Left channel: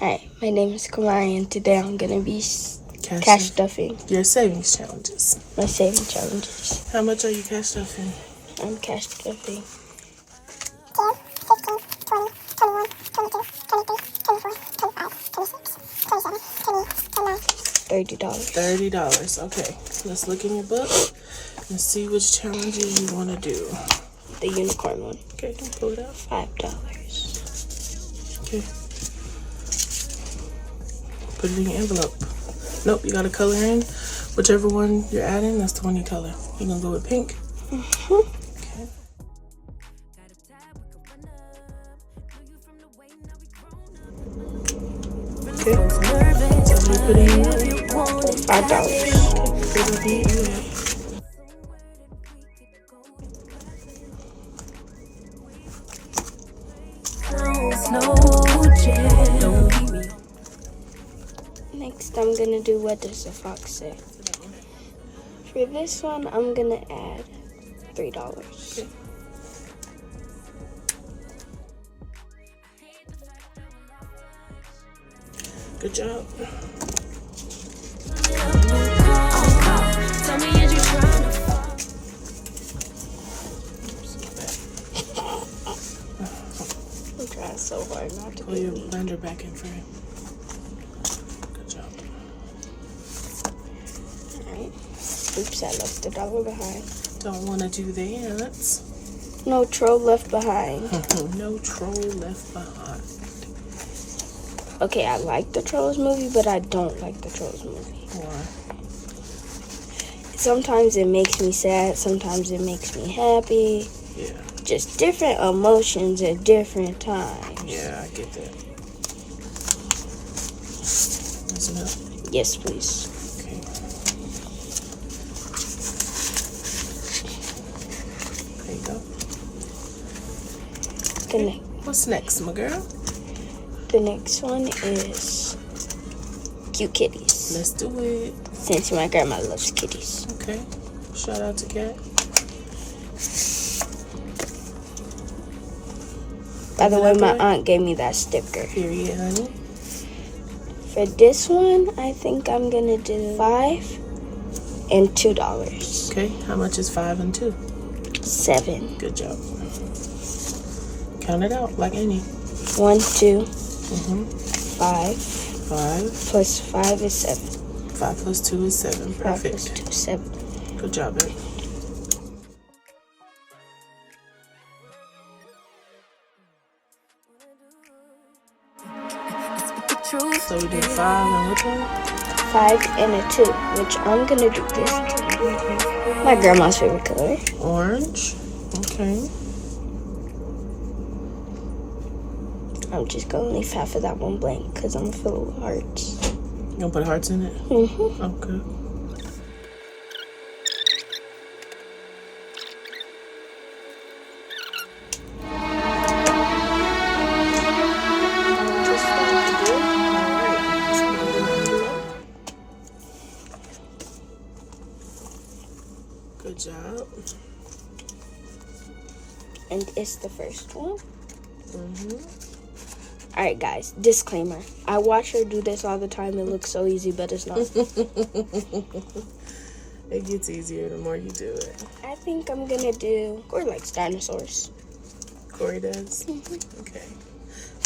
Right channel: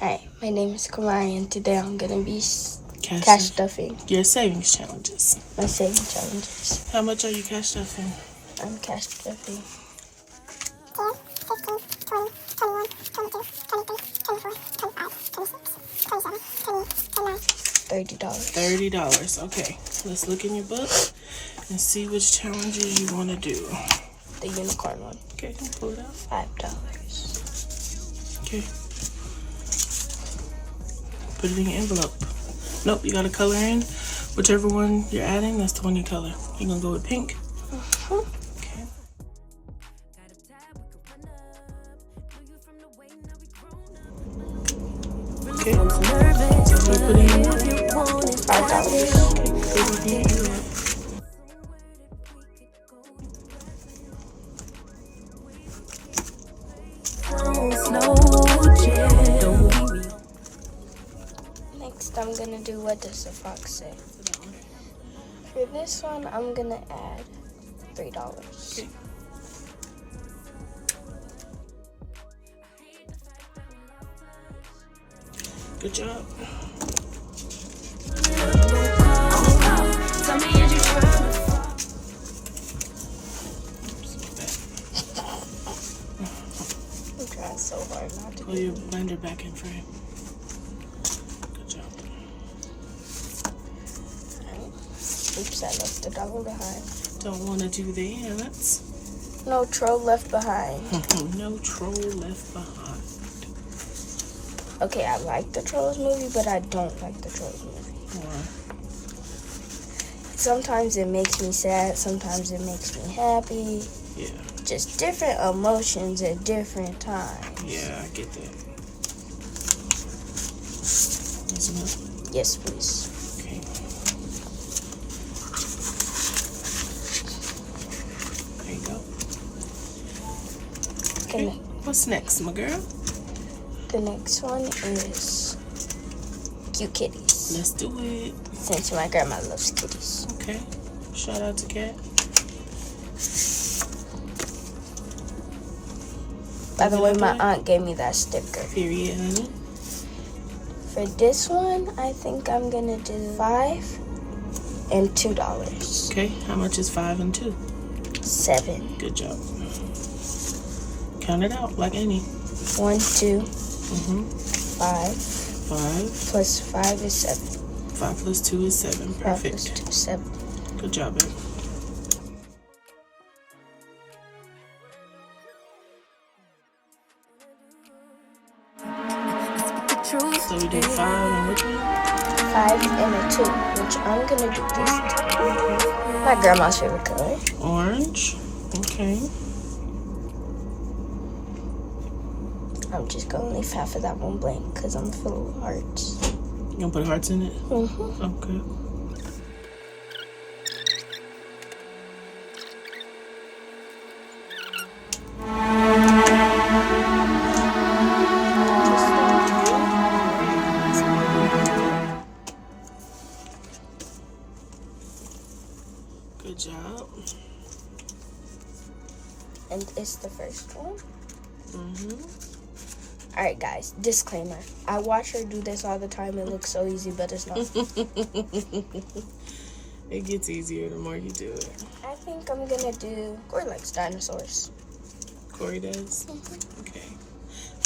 Hi, my name is Kamari, and today I'm gonna be cash stuffing. Your savings challenges. My savings challenges. How much are you cash stuffing? I'm cash stuffing. $30. Okay, so let's look in your book and see which challenges you want to do. The unicorn one. Okay, can you pull it out? $5. Okay. Put it in your envelope. Nope, you gotta color in. Whichever one you're adding, that's the one you color. You're gonna go with pink? Mm-hmm. Okay. Okay. So we put in Next, I'm gonna do what does the fox say. For this one, I'm gonna add $3. Okay. Good job. Tell me, is you trying to fall? I'm trying so hard not to. Pull your blender back in frame. Good job. Oops, I left $1 behind. Don't want to do that. No troll left behind. No troll left behind. Okay, I like the Trolls movie, but I don't like the Trolls movie. Why? Sometimes it makes me sad, sometimes it makes me happy. Yeah. Just different emotions at different times. Yeah, I get that. That's enough? Yes, please. Okay. There you go. Okay. What's next, my girl? The next one is cute kitties. Let's do it. Since my grandma loves kitties. Okay. Shout out to Kat. By the way, my aunt gave me that sticker. Period, honey. For this one, I think I'm gonna do $5 and $2. Okay. How much is 5 and 2? $7. Good job. Count it out like any. 1, 2, 5. 5 Plus 5 is 7. 5 plus 2 is 7. 5 Perfect. plus 2 is 7. Good job, babe. So we did 5 and which one? 5 and a 2, which I'm gonna do this time. My grandma's favorite color. Orange. Okay. I'm just gonna leave half of that one blank because I'm full of hearts. You gonna put hearts in it? Mm-hmm. Okay. Good job. And it's the first one. Mm-hmm. Alright guys, disclaimer. I watch her do this all the time. It looks so easy, but it's not. It gets easier the more you do it. I think I'm gonna do, Corey likes dinosaurs. Corey does? Mm-hmm. Okay.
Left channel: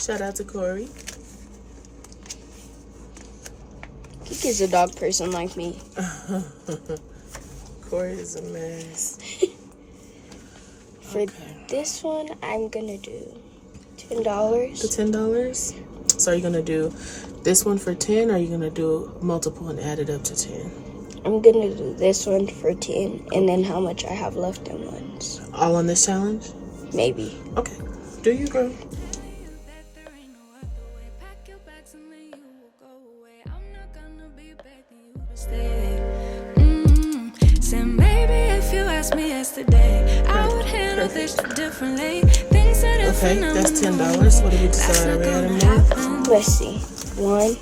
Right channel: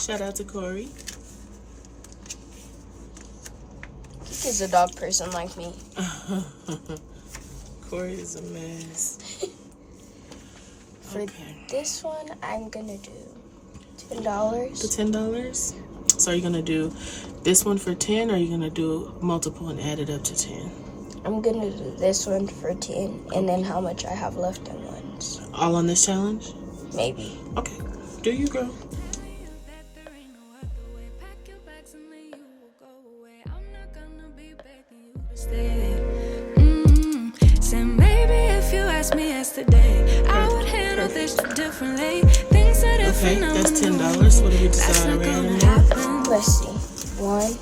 Shout out to Corey. He's a dog person like me. Corey is a mess. For this one, I'm gonna do $10. The $10? So are you gonna do this one for 10, or are you gonna do multiple and add it up to 10? I'm gonna do this one for 10, and then how much I have left in ones. All on this challenge? Maybe. Okay. Do you, girl? Me yesterday, I would handle this differently. Things that okay, that's $10. What did we decide on? Let's see. 1,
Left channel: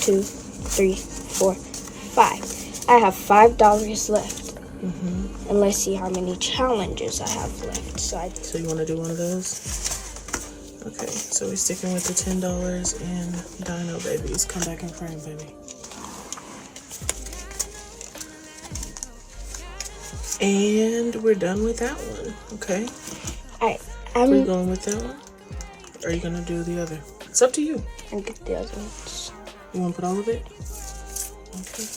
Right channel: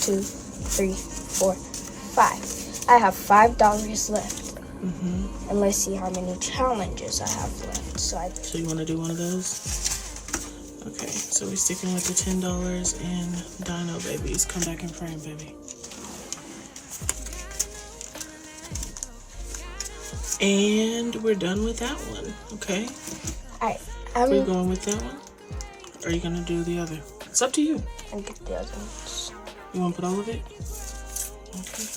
2, 3, 4, 5. I have $5 left. Mm-hmm. And let's see how many challenges I have left. So you want to do one of those? Okay, so we're sticking with the $10 and Dino Babies. Come back in frame, baby. And we're done with that one, okay? Alright, We're going with that one? Or are you gonna do the other? It's up to you. I'll get the other ones. You wanna put all of it? Okay.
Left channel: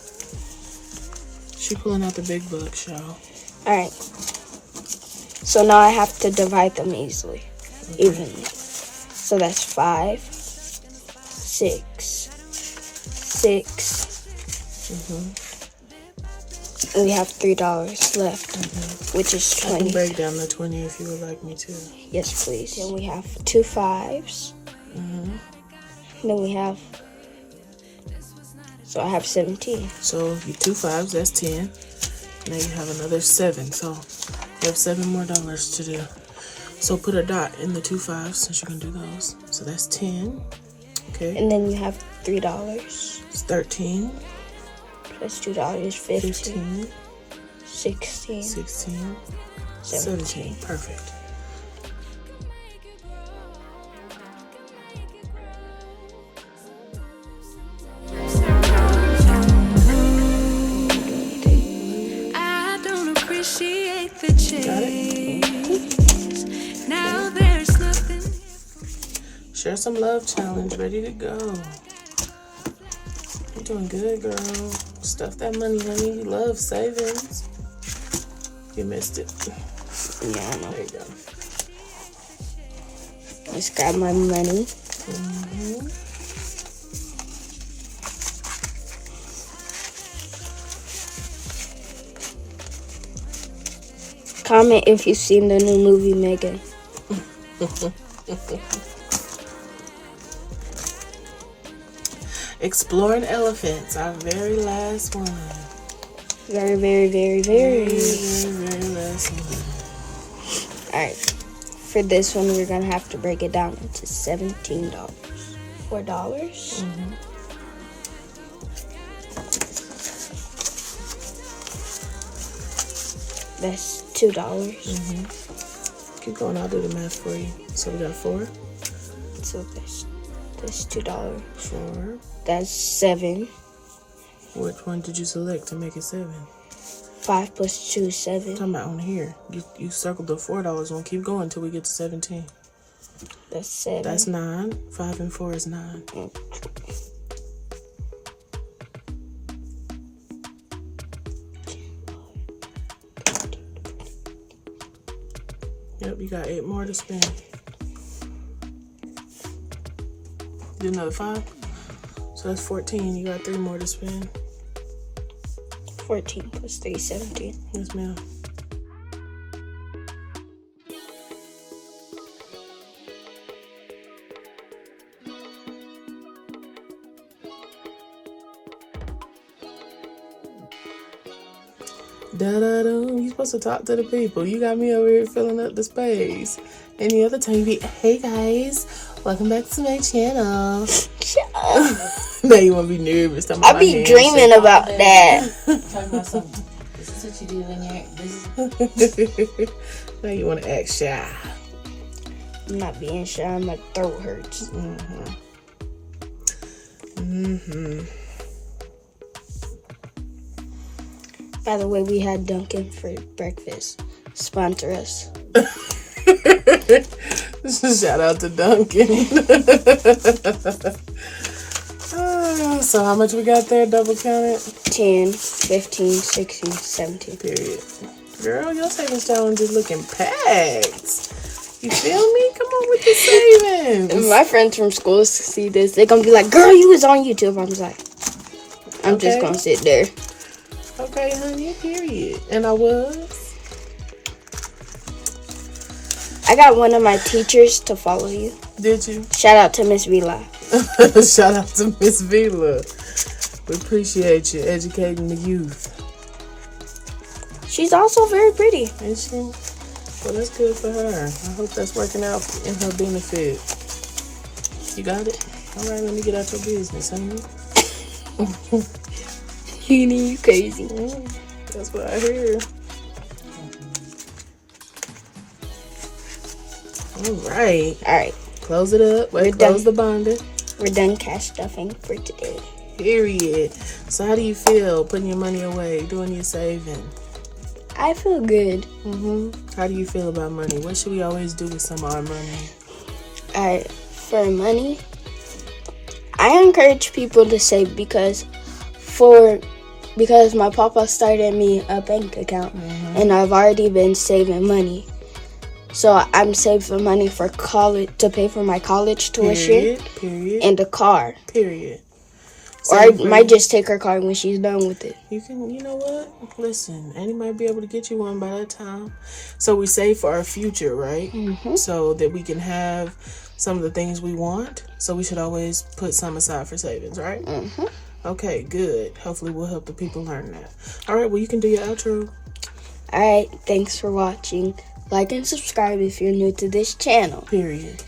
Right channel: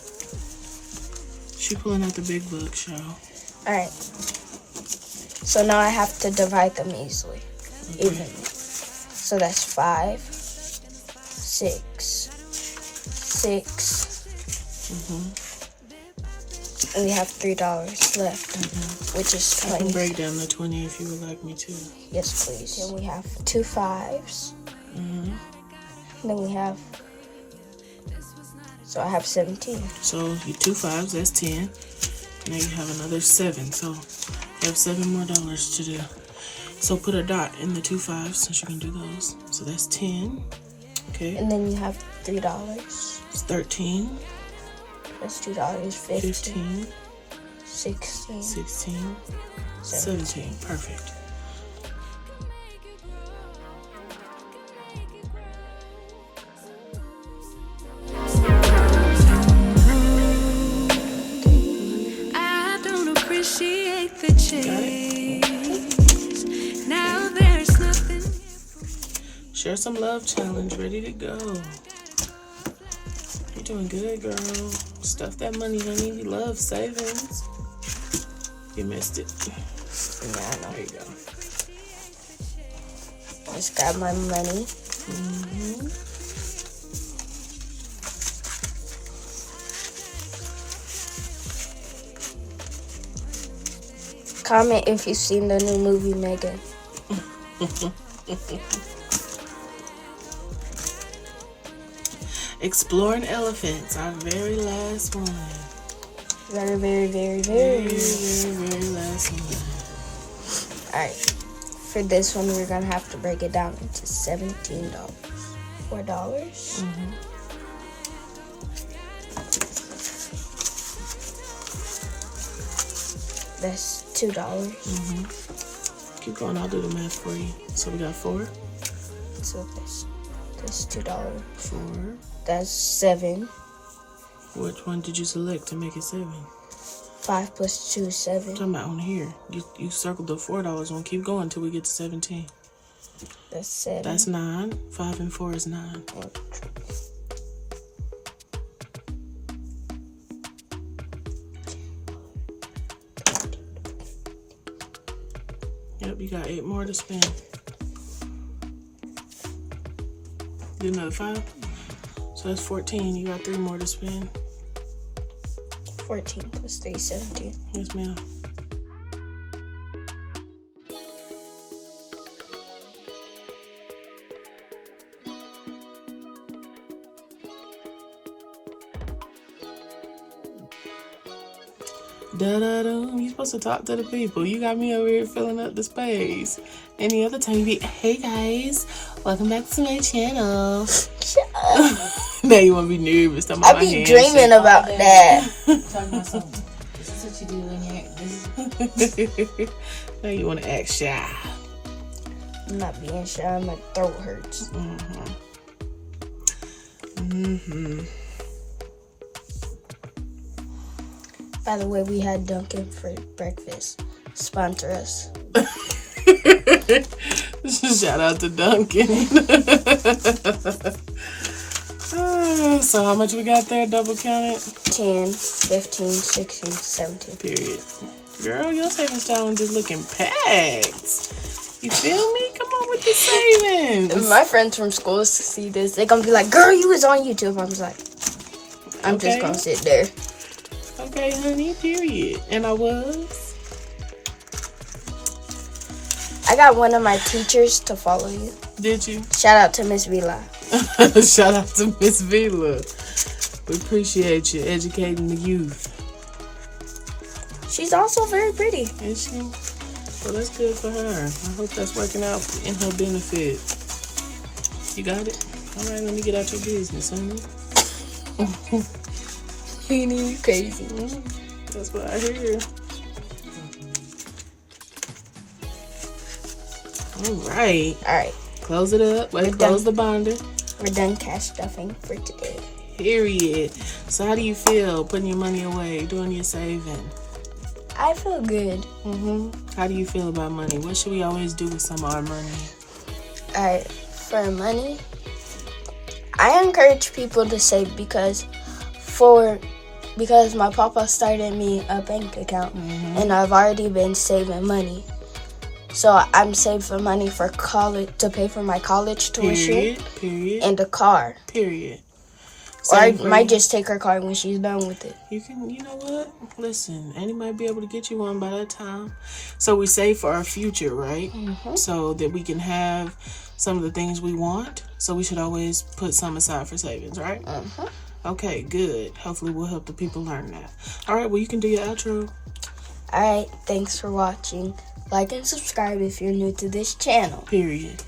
She pulling out the big book, y'all. Alright. So now I have to divide them evenly. So that's 5, 6, 6. And we have $3 left, which is I 20. can break down the 20 if you would like me to. Yes, please. Then we have 2 5s. Then we have. So I have 17. So your 2 5s, that's 10. Now you have another 7. So you have $7 more to do. So put a dot in the 2 5s since you can do those. So that's 10. Okay. And then you have $3. It's 13. That's $2. 15. 16. 16. 17. Perfect. I don't appreciate the chase. Now there's nothing. Share some love challenge. Ready to go. You're doing good, girl. Stuff that money, honey. You love savings. You missed it. Yeah, There you go. just got my money. Comment if you've seen the new movie Megan. Exploring elephants. Our very last one. Very, very, very, Very, very. very last one. Alright. For this one, we're gonna have to break it down into $17. $4. That's $2. Keep going. I'll do the math for you. So we got 4. So that's $2. 4. That's 7. Which one did you select to make it 7? 5 plus 2 is 7. Talking about on here. You circled the $4 one. Keep going until we get to 17. That's 7. That's 9. 5 and 4 is 9. Yep, you got 8 more to spend. Do another 5. So that's 14. You got 3 more to spend. 14 plus 3 is 17. Yes, ma'am. Da-da-dum. You're supposed to talk to the people. You got me over here filling up the space. Any other time you be, hey guys, welcome back to my channel. Shut up. Now you want to be nervous. I be dreaming about that. Talking about something. This is what you do when you're. Now you want to act shy. I'm not being shy. My throat hurts. By the way, we had Dunkin' for breakfast. Sponsor us. Shout out to Duncan. So how much we got there? Double counted? 10, 15, 16, 17. Period. Girl, your savings challenge is looking packed. You feel me? Come on with the savings. My friends from school see this. They're going to be like, girl, you was on YouTube. I'm like, I'm just going to sit there. Okay, honey, period. And I was. I got one of my teachers to follow you. Did you? Shout out to Miss Vila. Shout out to Miss Vila. We appreciate you educating the youth. She's also very pretty. Is she? Well, that's good for her. I hope that's working out in her benefit. You got it? All right, let me get out your business, honey. You crazy. That's what I hear. All right. All right. close it up. Wait, close the binder. We're done cash stuffing for today. Period. So how do you feel putting your money away, doing your saving? I feel good. How do you feel about money? What should we always do with some of our money? For money, I encourage people to save because my papa started me a bank account and I've already been saving money. So I'm saving money for college, to pay for my college tuition. Period. And a car. Period. Or I might just take her car when she's done with it. You know what? Listen, Annie might be able to get you one by that time. So we save for our future, right? So that we can have some of the things we want. So we should always put some aside for savings, right? Okay, good. Hopefully we'll help the people learn that. All right, well, you can do your outro. All right, thanks for watching. Like and subscribe if you're new to this channel. Period.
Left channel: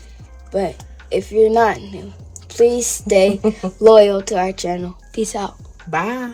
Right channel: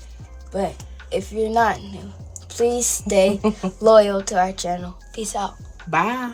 But if you're not new, please stay loyal to our channel. Peace out. Bye.